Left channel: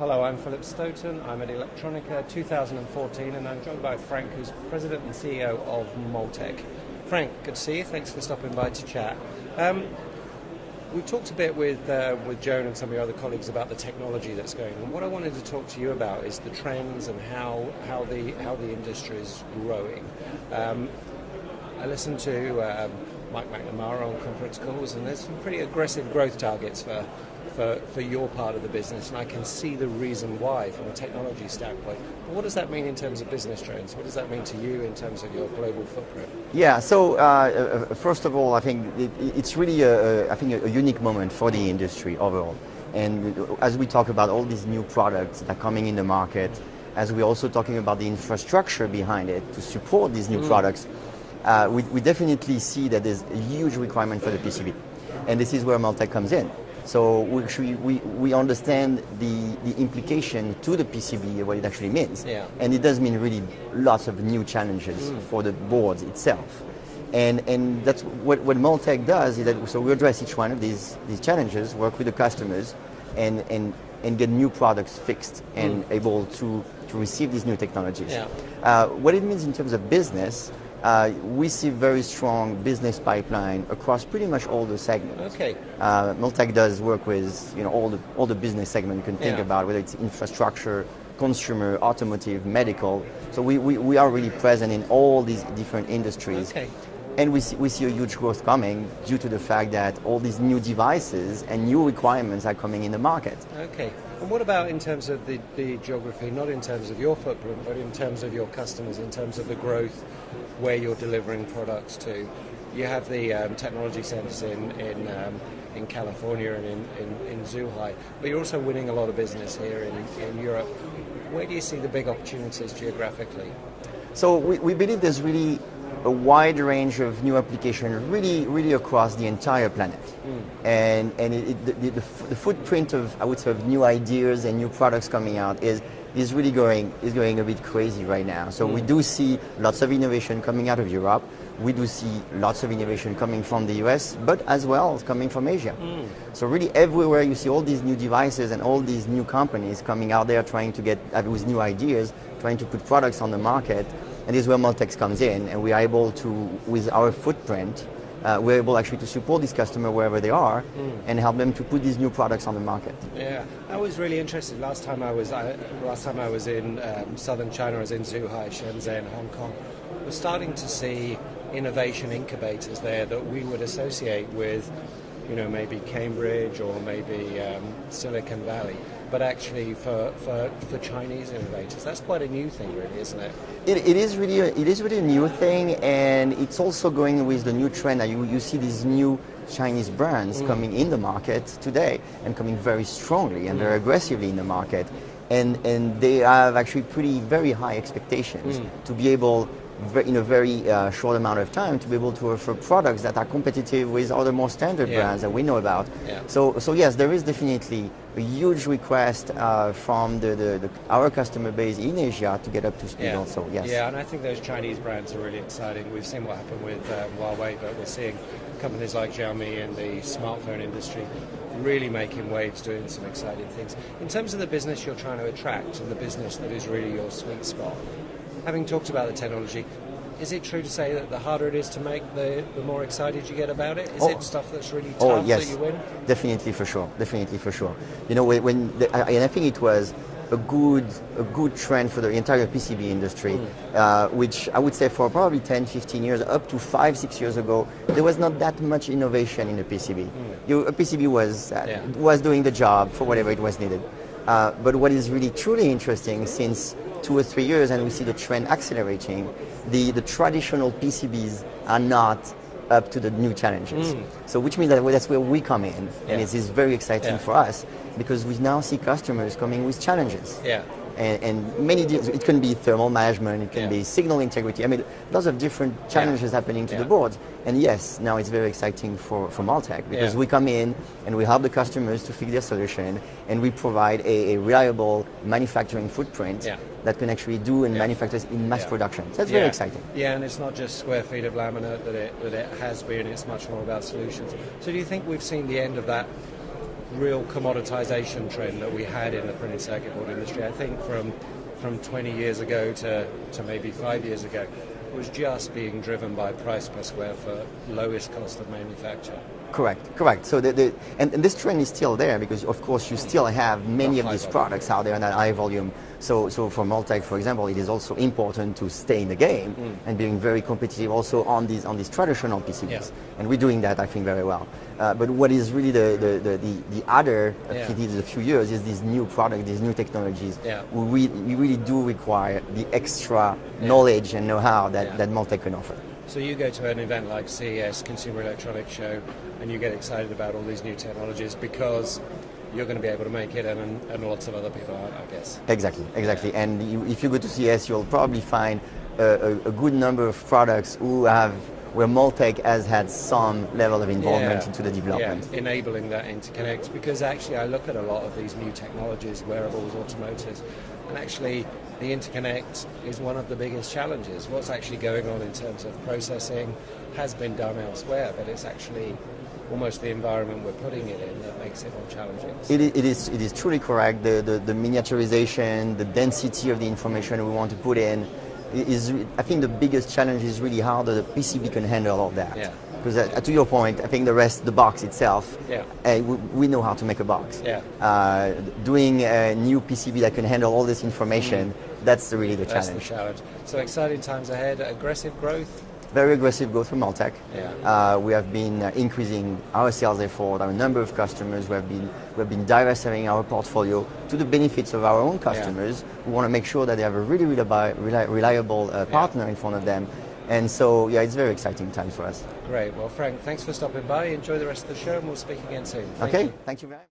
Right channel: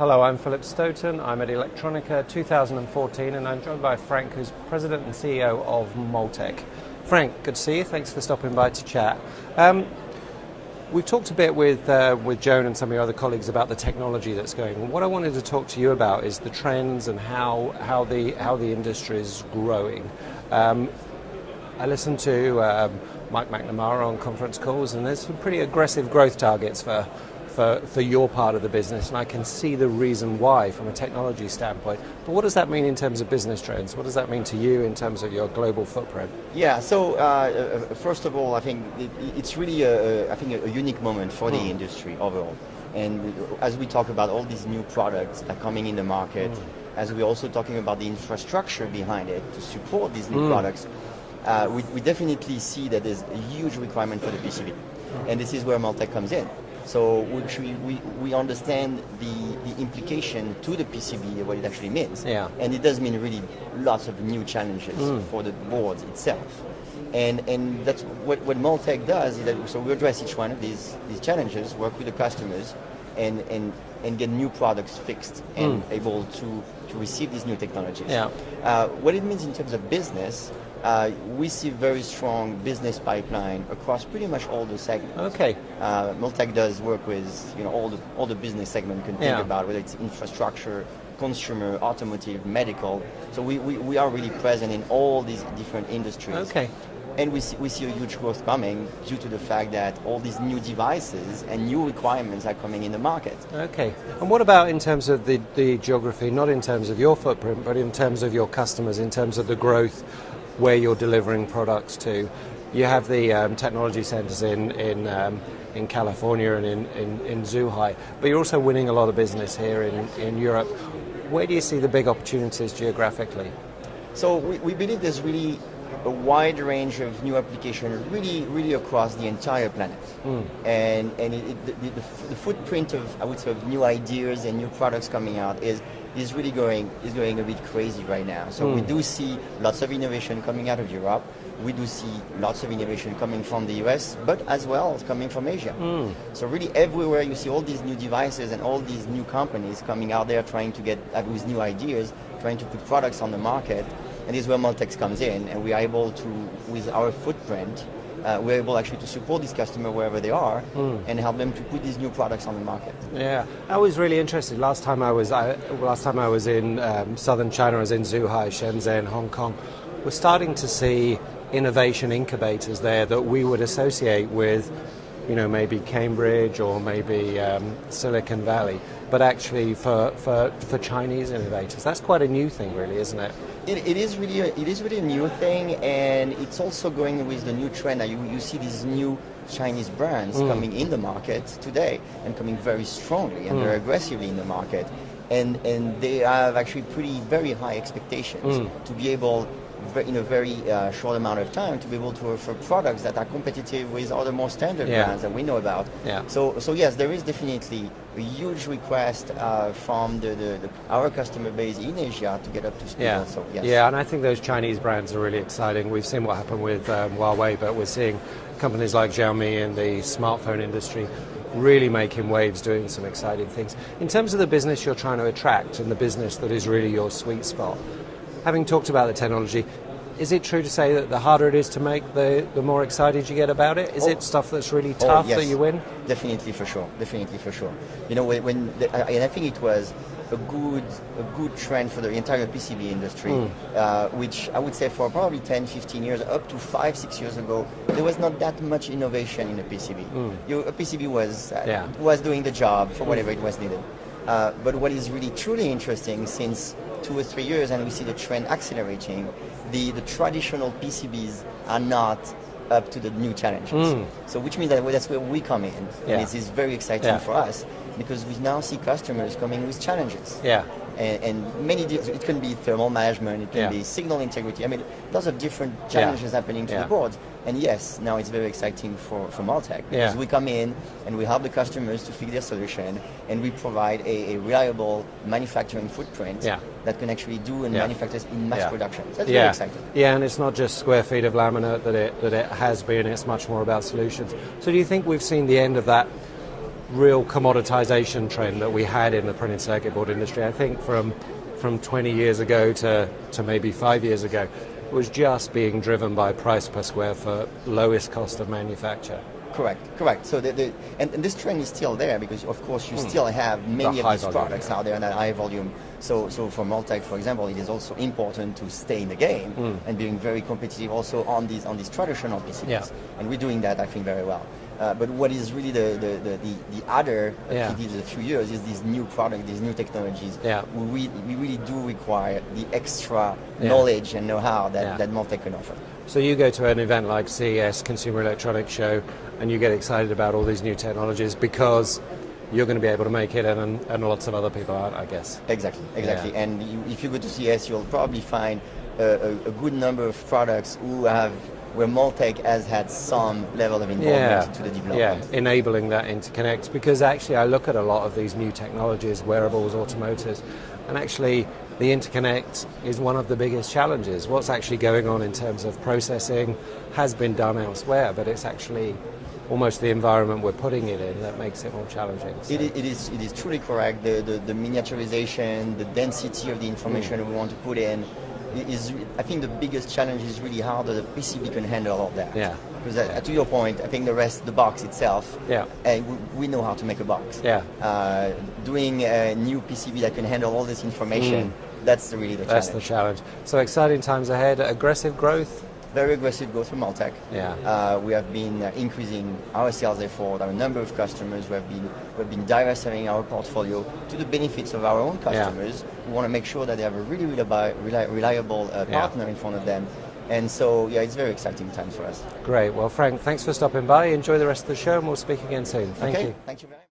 Hello, I'm Philip Stoten. I'm at Electronica 2014, and I'm joined by Franck, who's President and CEO of Multek. Franck, good to see you. Thanks for stopping by to chat. We've talked a bit with Joan and some of your other colleagues about the technology that's going on. What I wanted to talk to you about is the trends and how the industry is growing. I listened to Mike McNamara on conference calls, and there's some pretty aggressive growth targets for your part of the business, and I can see the reason why from a technology standpoint. But what does that mean in terms of business trends? What does that mean to you in terms of your global footprint? Yeah, so first of all, I think it's really a unique moment for the industry overall. And as we talk about all these new products that are coming in the market, as we're also talking about the infrastructure behind it to support these new products, we definitely see that there's a huge requirement for the PCB. And this is where Multek comes in. So we understand the implication to the PCB, what it actually means. Yeah. And it does mean really lots of new challenges for the boards itself. And that's what Multek does, is that so we address each one of these challenges, work with the customers, and get new products fixed and able to receive these new technologies. Yeah. What it means in terms of business, we see very strong business pipeline across pretty much all the segments. Okay. Multek does work with all the business segments you can think about, whether it's infrastructure, consumer, automotive, medical. So we are really present in all these different industries. Okay. And we see a huge growth coming due to the fact that all these new devices and new requirements are coming in the market. Okay. And what about in terms of the geography, not in terms of your footprint, but in terms of your customers, in terms of the growth where you're delivering products to? You have the technology centers in California and in Zhuhai, but you're also winning a lot of business here in Europe. Where do you see the big opportunities geographically? So we believe there's really a wide range of new applications, really across the entire planet. And the footprint of, I would say, of new ideas and new products coming out is really going a bit crazy right now. So we do see lots of innovation coming out of Europe. We do see lots of innovation coming from the US, but as well as coming from Asia. So really everywhere you see all these new devices and all these new companies coming out there trying to get with new ideas, trying to put products on the market. And this is where Multek comes in, and we are able to, with our footprint, we're able actually to support this customer wherever they are and help them to put these new products on the market. Yeah, I was really interested. Last time I was in southern China, I was in Zhuhai, Shenzhen, Hong Kong. We're starting to see innovation incubators there that we would associate with, maybe Cambridge or maybe Silicon Valley, but actually for Chinese innovators. That's quite a new thing, really, isn't it? It is really a new thing, and it's also going with the new trend. You see these new Chinese brands coming in the market today and coming very strongly and very aggressively in the market, and they have actually very high expectations to be able, in a very short amount of time, to be able to offer products that are competitive with other more standard brands that we know about. Yeah. So yes, there is definitely a huge request from our customer base in Asia to get up to speed also. Yes. Yeah, and I think those Chinese brands are really exciting. We've seen what happened with Huawei, but we're seeing companies like Xiaomi in the smartphone industry really making waves, doing some exciting things. In terms of the business you're trying to attract and the business that is really your sweet spot, having talked about the technology, is it true to say that the harder it is to make, the more excited you get about it? Is it stuff that's really tough that you win? Definitely, for sure. And I think it was a good trend for the entire PCB industry, which I would say for probably 10, 15 years, up to 5, 6 years ago, there was not that much innovation in the PCB. A PCB was doing the job for whatever it was needed. But what is really truly interesting since 2 or 3 years, and we see the trend accelerating, the traditional PCBs are not up to the new challenges. So which means that that's where we come in, and it is very exciting for us, because we now see customers coming with challenges. Yeah. And many, it can be thermal management, it can be signal integrity. I mean, lots of different challenges happening to the boards. And yes, now it's very exciting for Multek, because we come in and we help the customers to fix their solution, and we provide a reliable manufacturing footprint that can actually do and manufacture in mass production. So that's very exciting. Yeah, and it's not just square feet of laminate that it has been, it's much more about solutions. So do you think we've seen the end of that real commoditization trend that we had in the printed circuit board industry. I think from 20 years ago to maybe 5 years ago, it was just being driven by price per square foot, lowest cost of manufacture. Correct. So and this trend is still there because, of course, you still have many of these products out there in a high volume. So for Multek, for example, it is also important to stay in the game and being very competitive also on these traditional PCBs. Yeah. And we're doing that, I think, very well. But what is really the other activities of a few years is these new products, these new technologies. Yeah. We really do require the extra knowledge and know-how that Multek can offer. So you go to an event like CES, Consumer Electronics Show, and you get excited about all these new technologies because you're going to be able to make it, and lots of other people aren't, I guess. Exactly. Yeah. And if you go to CES, you'll probably find a good number of products where Multek has had some level of involvement into the development. Yeah, enabling that interconnect. Because actually I look at a lot of these new technologies, wearables, automotives, and actually the interconnect is one of the biggest challenges. What's actually going on in terms of processing has been done elsewhere, but it's actually almost the environment we're putting it in that makes it more challenging. So. It is truly correct. The miniaturization, the density of the information we want to put in is, I think the biggest challenge is really how the PCB can handle all that. Yeah. Because to your point, I think the box itself, we know how to make a box. Yeah. Doing a new PCB that can handle all this information, that's really the challenge. That's the challenge. So exciting times ahead, aggressive growth. Very aggressive growth from Multek. Yeah. We have been increasing our sales effort, our number of customers. We have been diversifying our portfolio to the benefits of our own customers. We want to make sure that they have a really reliable partner in front of them. And so, it's very exciting times for us. Great. Well, Frank, thanks for stopping by. Enjoy the rest of the show, and we'll speak again soon. Thank you. Thank you very much.